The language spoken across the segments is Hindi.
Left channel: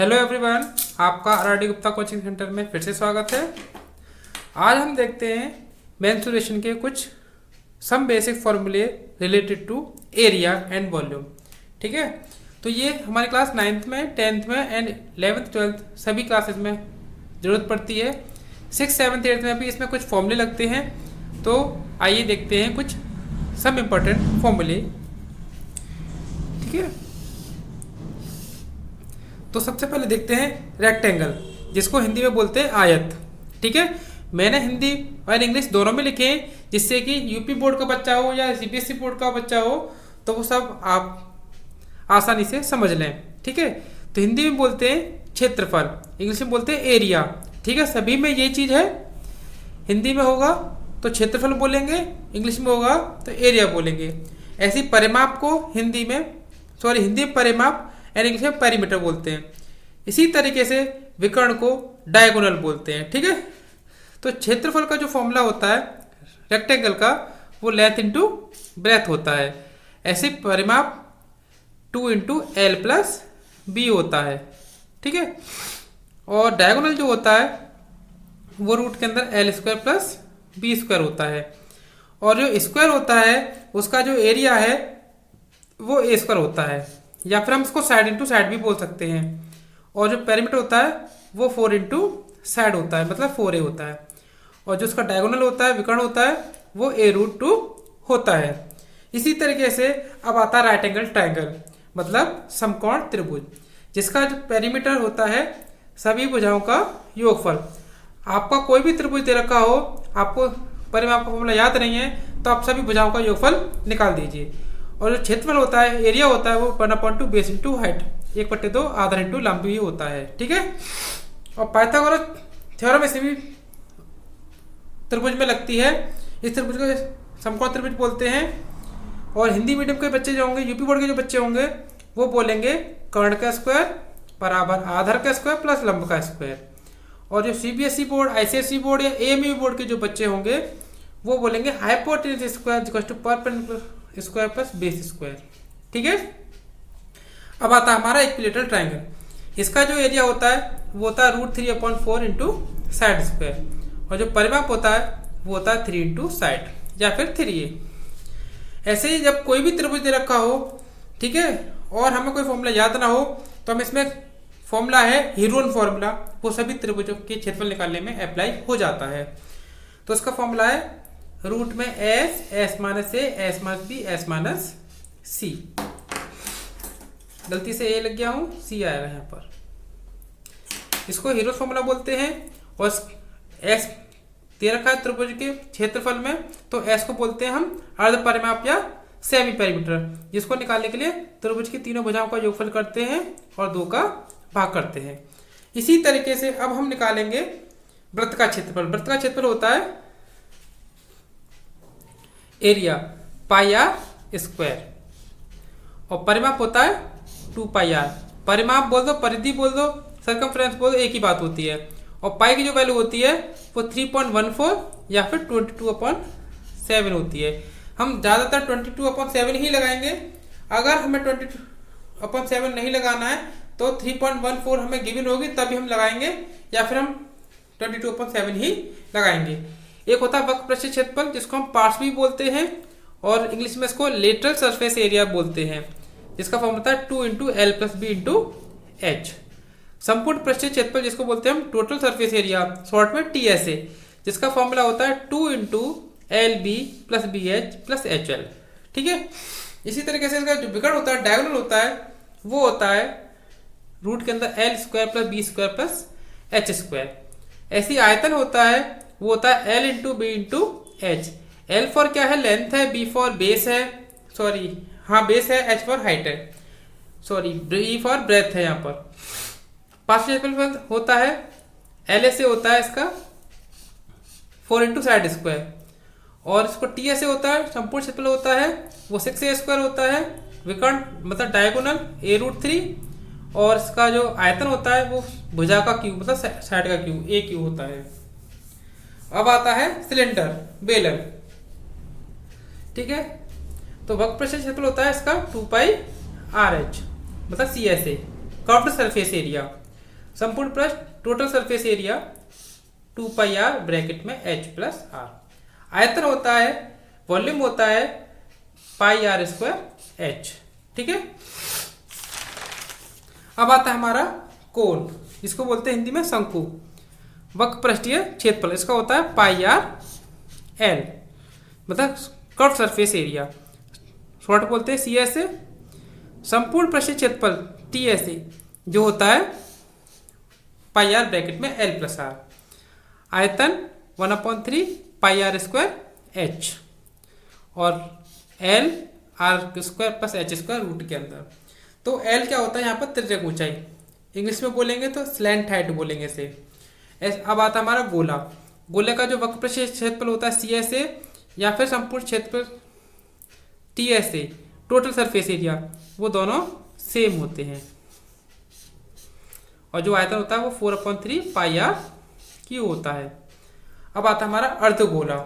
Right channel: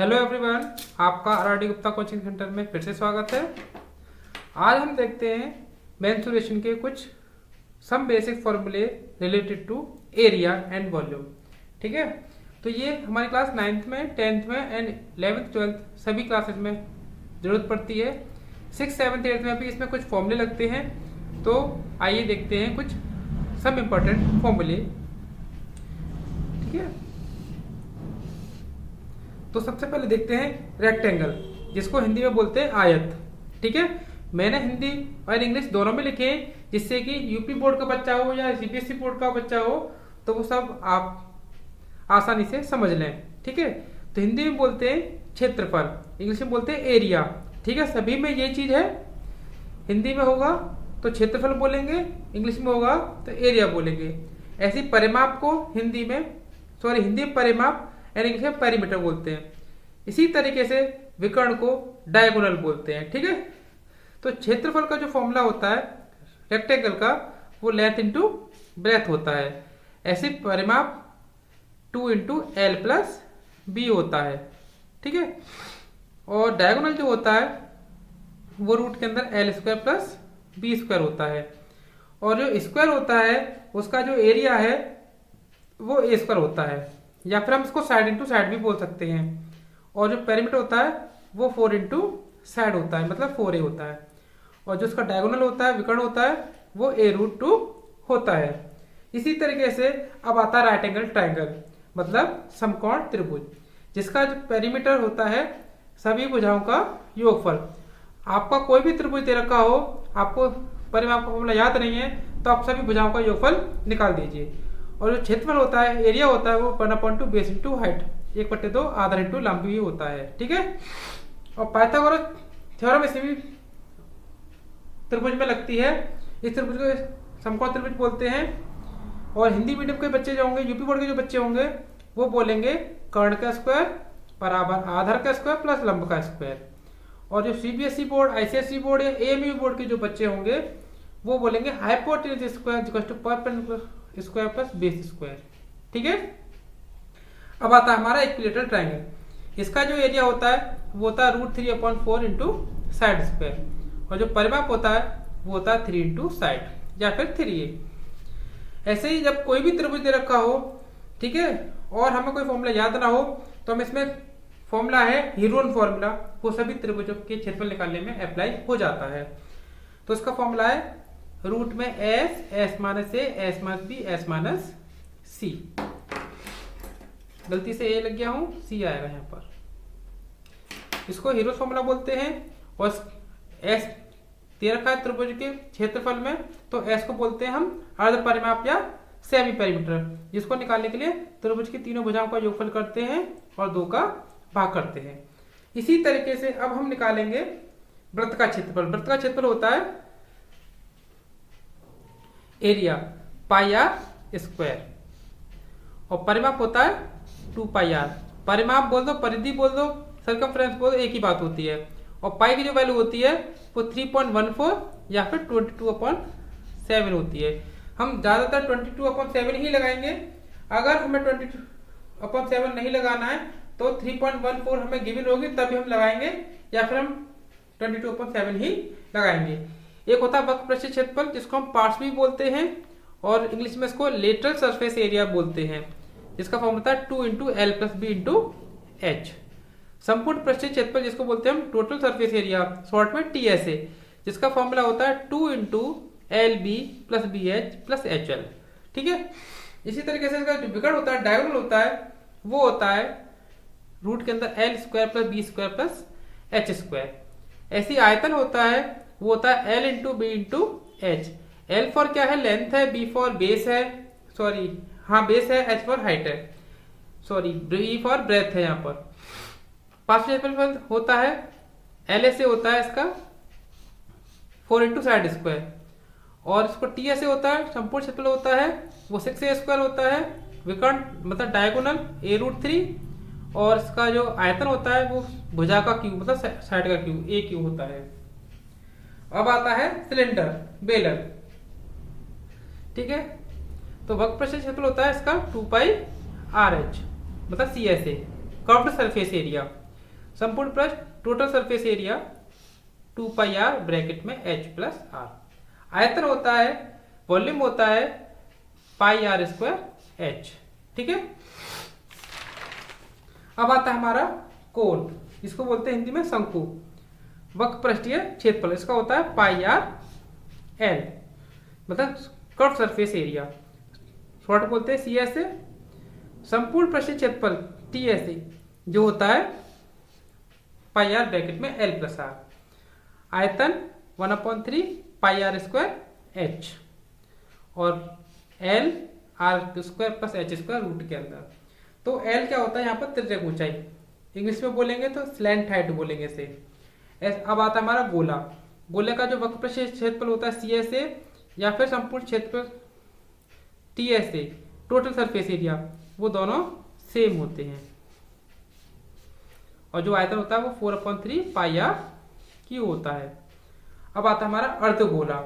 हेलो एवरीवन, आपका आरआरडी गुप्ता कोचिंग सेंटर में फिर से स्वागत है। आज हम देखते हैं मेंसुरेशन के कुछ सम बेसिक फॉर्मूले related to area and volume. ठीक है, तो ये हमारी क्लास 9th में 10th में एंड 11th 12th सभी क्लासेस में ज़रूरत पड़ती है। 6th 7th 8th में भी इसमें कुछ फॉर्मूले लगते हैं। तो आइए देखते हैं कुछ सम इम्पोर्टेंट फॉर्मूले। ठीक है, तो सबसे पहले देखते हैं रेक्टेंगल, जिसको हिंदी में बोलते हैं आयत। ठीक है, मैंने हिंदी और इंग्लिश दोनों में लिखे हैं, जिससे कि यूपी बोर्ड का बच्चा हो या सीबीएसई बोर्ड का बच्चा हो तो वो सब आप आसानी से समझ लें। ठीक है, तो हिंदी में बोलते हैं क्षेत्रफल, इंग्लिश में बोलते हैं एरिया। ठीक है, सभी में यही चीज़ है। हिंदी में होगा तो क्षेत्रफल बोलेंगे, इंग्लिश में होगा तो एरिया बोलेंगे। ऐसी परिमाप को हिंदी में परिमाप एंड इंग्लिश में पेरीमीटर बोलते हैं। इसी तरीके से विकर्ण को डायगोनल बोलते हैं। ठीक है, तो क्षेत्रफल का जो फॉर्मूला होता है रेक्टेंगल का, वो लेंथ इंटू ब्रेथ होता है। ऐसे परिमाप 2 इंटू एल प्लस बी होता है। ठीक है, और डायगोनल जो होता है वो रूट के अंदर l square plus b square होता है। और जो स्क्वायर होता है उसका जो एरिया है वो ए स्क्वायर होता है, या फिर हम इसको साइड इंटू साइड भी बोल सकते हैं। और जो पेरीमीटर होता है वो 4 इंटू साइड होता है, मतलब 4a होता है। और जो उसका डायगोनल होता है, विकर्ण होता है, वो a√2 होता है। इसी तरीके से अब आता है राइट एंगल ट्रायंगल, मतलब समकोण त्रिभुज, जिसका जो पेरीमीटर होता है सभी भुजाओं का योगफल। आपका कोई भी त्रिभुज दे रखा हो, आपको परिमाप का फॉर्मूला याद नहीं है, तो आप सभी भुजाओं का योगफल निकाल दीजिए। और जो क्षेत्रफल होता है, एरिया होता है, वो 1/2 बेस इंटू हाइट, 1/2 आधा इंटू लंबी होता है। ठीक है, और पाइथागोरस थ्योरम इसे भी त्रिभुज में लगती है। इस त्रिभुज को समकोण त्रिभुज बोलते हैं। और हिंदी मीडियम के बच्चे जो होंगे, यूपी बोर्ड के जो बच्चे होंगे, वो बोलेंगे कर्ण का स्क्वायर बराबर आधार का स्क्वायर प्लस लंब का स्क्वायर। और जो सीबीएसई बोर्ड, आईसीएसई बोर्ड या एएमयू बोर्ड के जो बच्चे होंगे, वो बोलेंगे hypotenuse square equal to perpendicular square plus base square. ठीक है, अब आता है हमारा इक्विलेटरल ट्रायंगल। इसका जो एरिया होता है वो होता है √3/4 इंटू साइड स्क्वायर। और जो परिमाप होता है वो होता है 3 इंटू साइड या फिर 3a। ऐसे ही जब कोई भी त्रिभुज दे रखा हो, ठीक है, और हमें कोई फॉर्मूला याद ना हो, तो हम इसमें फॉर्मूला है हीरोन फॉर्मूला, वो सभी त्रिभुजों के क्षेत्रफल निकालने में अप्लाई हो जाता है। तो उसका फॉर्मूला है रूट में s minus a, s minus b, s minus c। गलती से a लग गया हूं, c आया यहाँ पर। इसको हीरो फॉर्मूला बोलते हैं। और s दे रखा है त्रिभुज के क्षेत्रफल में, तो s को बोलते हैं हम अर्ध परिमाप या सेमी पेरीमीटर, जिसको निकालने के लिए त्रिभुज की तीनों भुजाओं का योगफल करते हैं और 2 का भाग करते हैं। इसी तरीके से अब हम निकालेंगे वृत्त का क्षेत्रफल। वृत्त का क्षेत्रफल होता है एरिया πr स्क्वायर, और परिमाप होता है 2πr। परिमाप बोल दो, परिधि बोल दो, सर्कमफ्रेंस बोल दो, एक ही बात होती है। और पाई की जो वैल्यू होती है वो 3.14 या फिर 22/7 होती है। हम ज़्यादातर 22/7 ही लगाएंगे। अगर हमें 22/7 नहीं लगाना है तो 3.14 हमें गिवन होगी, तभी हम लगाएंगे, या फिर हम 22/7 ही लगाएंगे। एक होता है वक्र पृष्ठीय क्षेत्रफल, जिसको हम पार्श्व भी बोलते हैं, और इंग्लिश में इसको लेटरल सरफेस एरिया बोलते हैं, जिसका फॉर्म होता है 2 into l plus b into h. संपूर्ण पृष्ठीय क्षेत्रफल, जिसको बोलते हैं हम टोटल सरफेस एरिया, शॉर्ट में TSA, जिसका फॉर्मूला होता है 2 into l b plus b h plus h l. ठीक है, इसी तरीके से इसका जो विकर्ण होता है, डायगोनल होता है, वो होता है रूट के अंदर l square plus b square plus h square. ऐसी आयतन होता है, वो होता है l into b into h. L for क्या है, लेंथ है, बी फॉर बेस है, सॉरी हाँ बेस है, एच फॉर हाइट है, सॉरी बी फॉर ब्रेथ है। यहाँ पर पार्शियल क्षेत्रफल होता है एल ऐसे होता है इसका 4 इंटू साइड स्क्वायर, और इसको टी ऐसे होता है, संपूर्ण क्षेत्रफल होता है वो 6a स्क्वायर होता है। विकर्ण मतलब डायगोनल a√3, और इसका जो आयतन होता है वो भुजा का क्यूब, मतलब साइड का क्यूब, a क्यूब होता है। अब आता है सिलेंडर, बेलन। ठीक है, तो वक्र पृष्ठीय क्षेत्रफल होता है इसका 2πRh, मतलब CSA, कर्व्ड सरफेस एरिया। संपूर्ण पृष्ठ total surface area 2 pi r bracket में h प्लस आर। आयतन होता है, वॉल्यूम होता है पाई आर स्क्वायर एच। ठीक है, अब आता है हमारा कोण, इसको बोलते हैं हिंदी में शंकु। वक्र पृष्ठीय क्षेत्रफल इसका होता है पाई आर एल, मतलब कर्व सरफेस एरिया, शॉर्ट बोलते हैं सी एस ए। संपूर्ण पृष्ठीय क्षेत्रफल टी एस ए जो होता है पाई आर ब्रैकेट में एल प्लस आर। आयतन 1/3 पाई आर स्क्वायर एच और l r square plus h square root के अंदर। तो एल क्या होता है यहाँ पर तिर्यक ऊंचाई, इंग्लिश में बोलेंगे तो स्लैंट हाइट बोलेंगे इसे। अब आता है हमारा गोला। गोले का जो वक्र पृष्ठीय क्षेत्रफल होता है सी एस ए या फिर संपूर्ण क्षेत्रफल T S A, total surface area, वो दोनों सेम होते हैं। और जो आयतन होता है वो 4/3 पाई आर क्यू होता है। अब आता है हमारा अर्धगोला,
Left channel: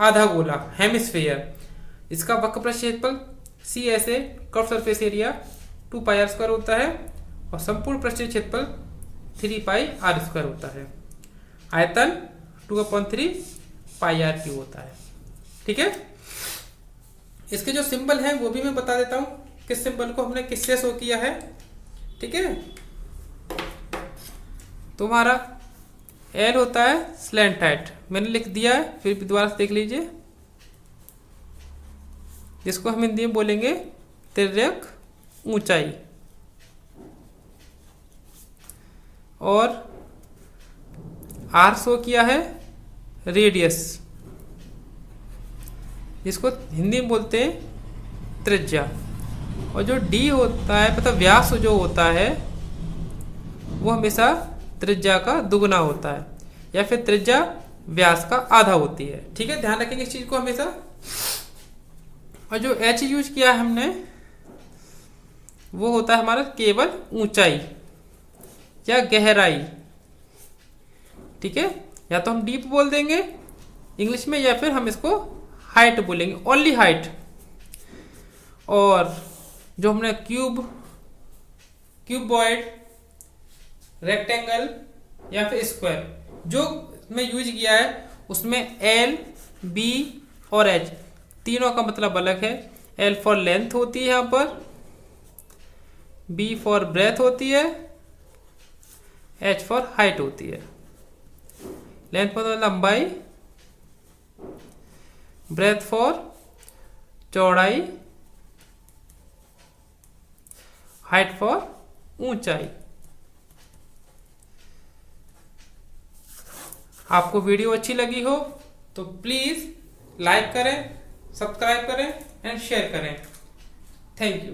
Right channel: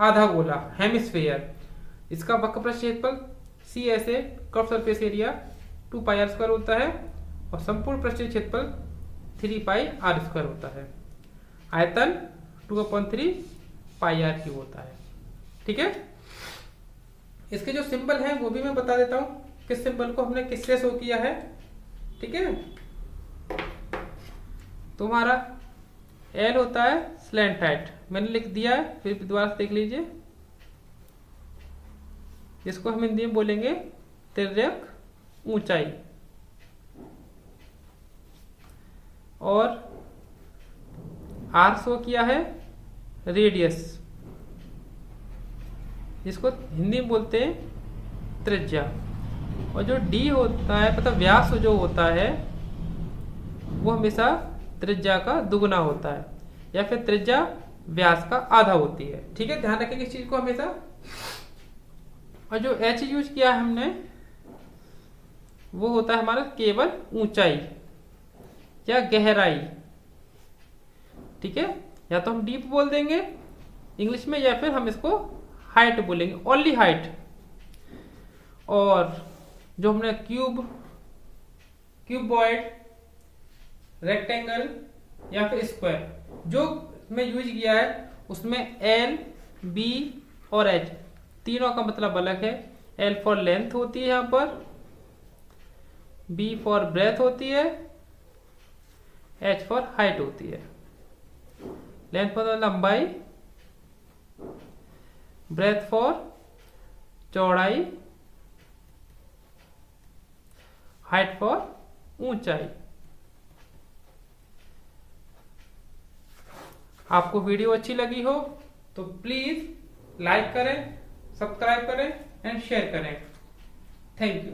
आधा गोला, हेमिस्फेयर। इसका वक्र पृष्ठीय क्षेत्रफल C S A, curve surface area 2 pi r square होता है और संपूर्ण पृष्ठीय क्षेत्रफल 3 पाई आर स्क्वायर होता है। आयतन 2/3 पाई आर क्यू होता है। ठीक है, इसके जो सिंबल है वो भी मैं बता देता हूं, किस सिंबल को हमने किससे शो किया है। ठीक है, तुम्हारा एल होता है स्लैंट हाइट, मैंने लिख दिया है, फिर भी दोबारा से देख लीजिए, जिसको हम हिंदी में बोलेंगे तिर्यक ऊंचाई। और आर शो किया है रेडियस, जिसको हिंदी में बोलते हैं त्रिज्या। और जो डी होता है मतलब व्यास जो होता है वो हमेशा त्रिज्या का दुगना होता है या फिर त्रिज्या व्यास का आधा होती है। ठीक है, ध्यान रखेंगे इस चीज को हमेशा। और जो एच यूज किया है हमने वो होता है हमारा केवल ऊंचाई या गहराई। ठीक है, या तो हम डीप बोल देंगे इंग्लिश में या फिर हम इसको हाइट बोलेंगे, ओनली हाइट। और जो हमने क्यूबॉइड, रेक्टेंगल या फिर स्क्वायर जो में यूज किया है उसमें एल, बी और एच तीनों का मतलब अलग है। एल फॉर लेंथ होती है यहाँ पर, बी फॉर ब्रेथ होती है, एच फॉर हाइट होती है। लेंथ फॉर लंबाई, ब्रेथ फॉर चौड़ाई, हाइट फॉर ऊंचाई। आपको वीडियो अच्छी लगी हो तो प्लीज लाइक करें, सब्सक्राइब करें एंड शेयर करें। Thank you.